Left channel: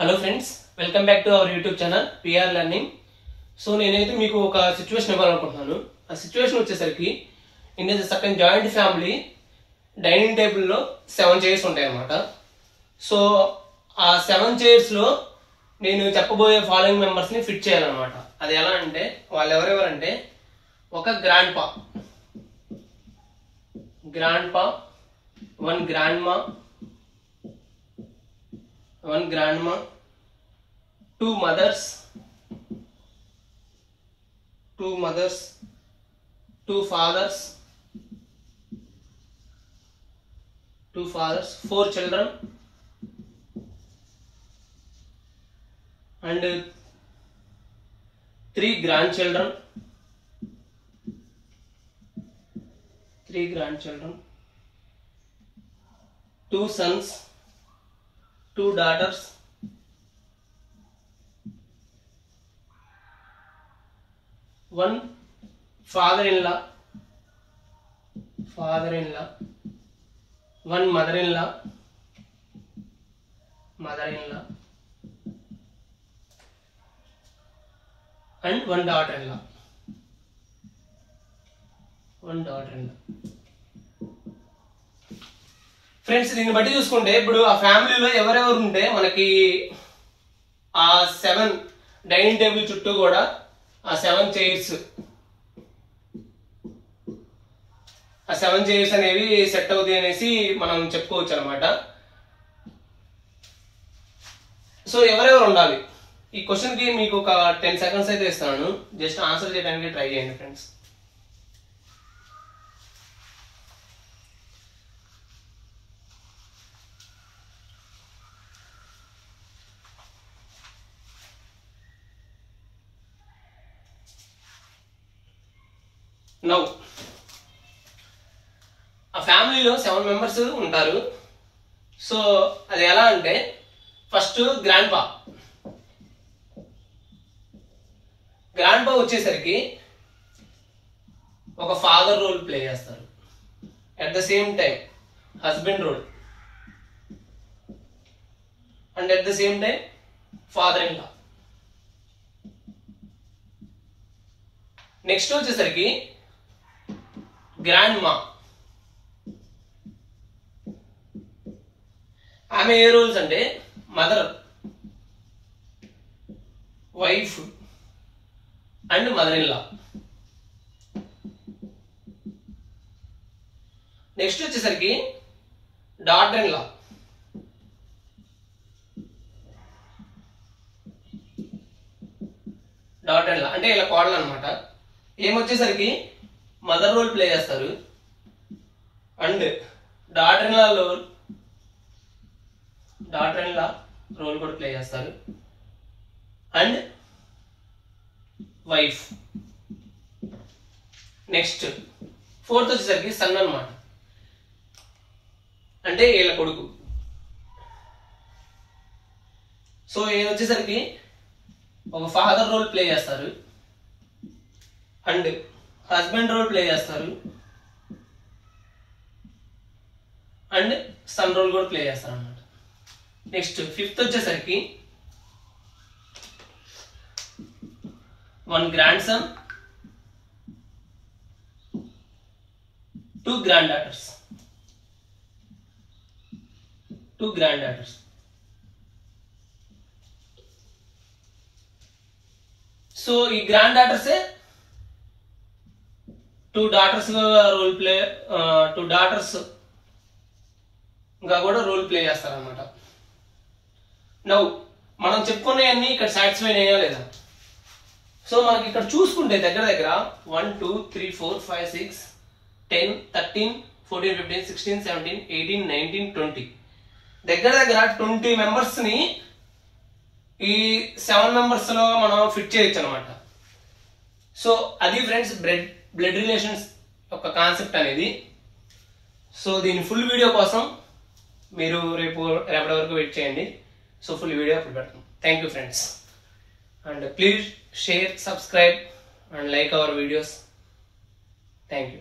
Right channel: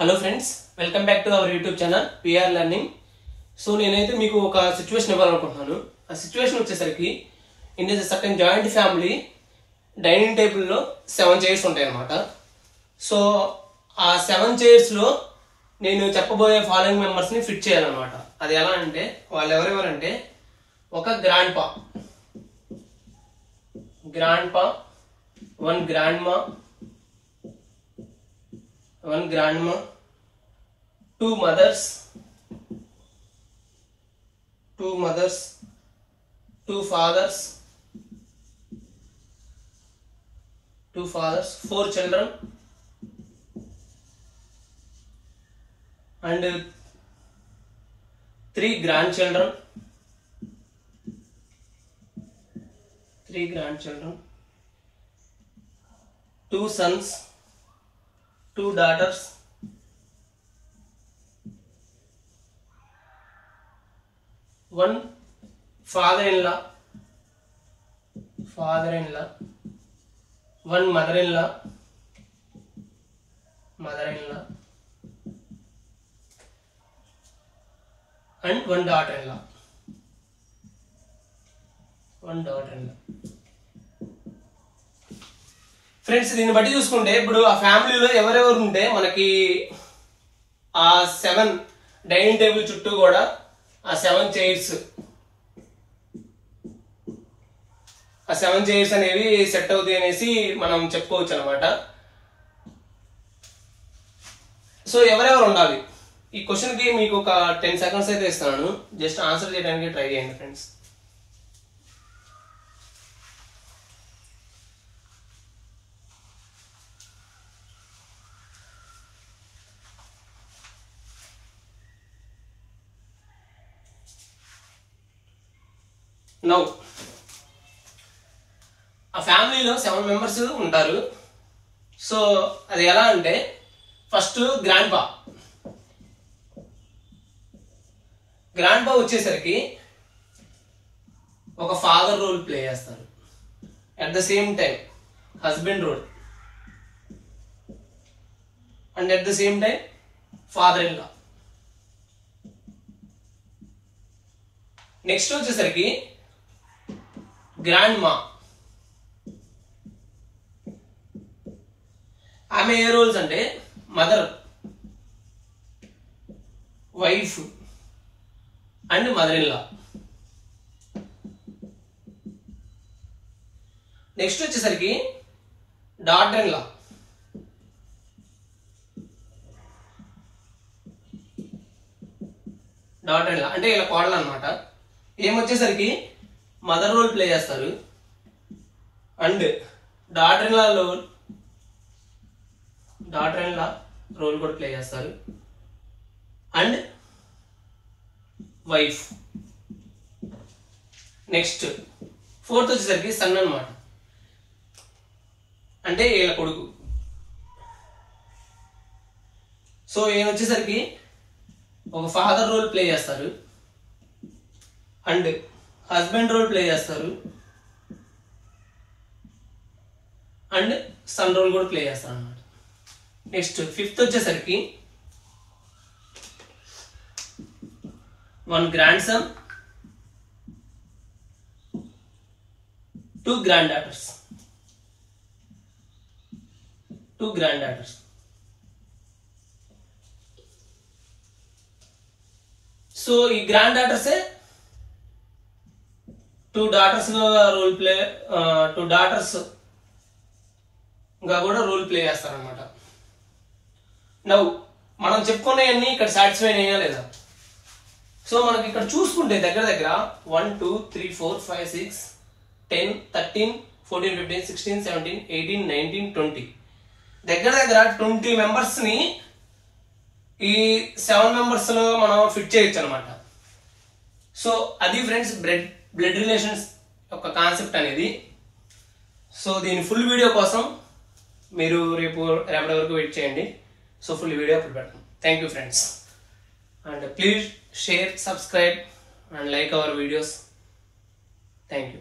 Hello friends, welcome back to our YouTube channel PR learning. So నేనైతే మీకు ఒక situation ఇవ్వాలనుకుంటున్నాను. ఆ సిచ్యువేషన్ వచ్చేసరికి in the certain joint family dining టేబుల్లో 7 చైర్స్ ఉంటాయి అన్నమాట. సో ఆ 7 చైర్స్లో నేను చెప్పబోయే ఫాలోయింగ్ మెంబర్స్ని ఫిట్ చేయాలన్నమాట. అది ఎలా అంటే వాళ్ళు ఎవరెవరంటే ఒక గ్రాండ్ పా, one grandma, 2 mothers, 2 fathers, 4 children and 3 grandchildren, 2 sons, 2 daughters, 1 father-in-law, 1 mother-in-law, and 1 daughter-in-law. Friends, దీన్ని బట్టి చూసుకుంటే ఇప్పుడు ఆ ఫ్యామిలీలో ఎవరెవరు ఉంటే మనకి ఆ 7 డైనింగ్ టేబుల్ చుట్టూ కూడా ఆ 7 చైర్స్ అనేవి సెట్ అవుతాయి అనేసి మనం చెప్పుకోవచ్చు అనమాట. సో ఎవరెవరు ఉండాలి ఈ క్వశ్చన్ కి మీకు ఒక 10 సెకండ్స్ అయితే ఇస్తాను. జస్ట్ ఆన్సర్ చేయడానికి ట్రై చేయండి ఫ్రెండ్స్. నౌ ఆ ఫ్యామిలీలో 7 మెంబర్స్ ఉంటారు. సో అది ఎలా అంటే ఫస్ట్ గ్రాండ్ పా వచ్చేసరికి ఒక ఫాదర్ రోల్ ప్లే చేస్తారు. At the same time husband role and at the same time father in law. Next వచ్చేసరికి గ్రాండ్ మా, ఆమె ఏ రోల్స్ అంటే mother, wife and mother in law. Next వచ్చేసరికి డాటర్ ఇన్ లా, అంటే ఇలా కోడలు అనమాట. ఏమొచ్చేసరికి మదర్ రోల్ ప్లే చేస్తారు and daughter in law role కూడా ప్లే చేస్తారు అండ్ వైఫ్. నెక్స్ట్ ఫోర్త్ వచ్చేసరికి సన్ అన్నమాట, అంటే వీళ్ళ కొడుకు. సో ఏమొచ్చేసరికి ఒక ఫాదర్ రోల్ ప్లే చేస్తారు అండ్ హస్బెండ్ రోల్ ప్లే చేస్తారు అండ్ సన్ రోల్ కూడా ప్లే చేస్తారు అన్నమాట. నెక్స్ట్ ఫిఫ్త్ వచ్చేసరికి 1 grand son, 2 grand daughters. So ఈ గ్రాండ్ డాటర్సే 2 డాటర్స్ గా కూడా రోల్ ప్లే చేస్తారనమాట. నౌ మనం చెప్పుకునేవన్నీ ఇక్కడ సాటిస్ఫై అయ్యా లేదా? సో మనకి ఇక్కడ చూసుకుంటే దగ్గర 1 2 3 4 5 6 10 13 14 15 16 17 18 19 20 దగ్గర 20 మెంబర్స్ ని ఈ 7 మెంబర్స్ లో మనం ఫిట్ చేయొచ్చు అనమాట. సో అది ఫ్రెండ్స్ బ్లడ్ రిలేషన్స్ యొక్క కాన్సెప్ట్ అనేది. సో దీని ఫుల్ వీడియో కోసం మీరు రేపటి వరకు వెయిట్ చేయండి. సో ఫుల్ వీడియో అప్పుడు పెడతాం. Thank you friends, and please share, subscribe and like our videos. Thank you.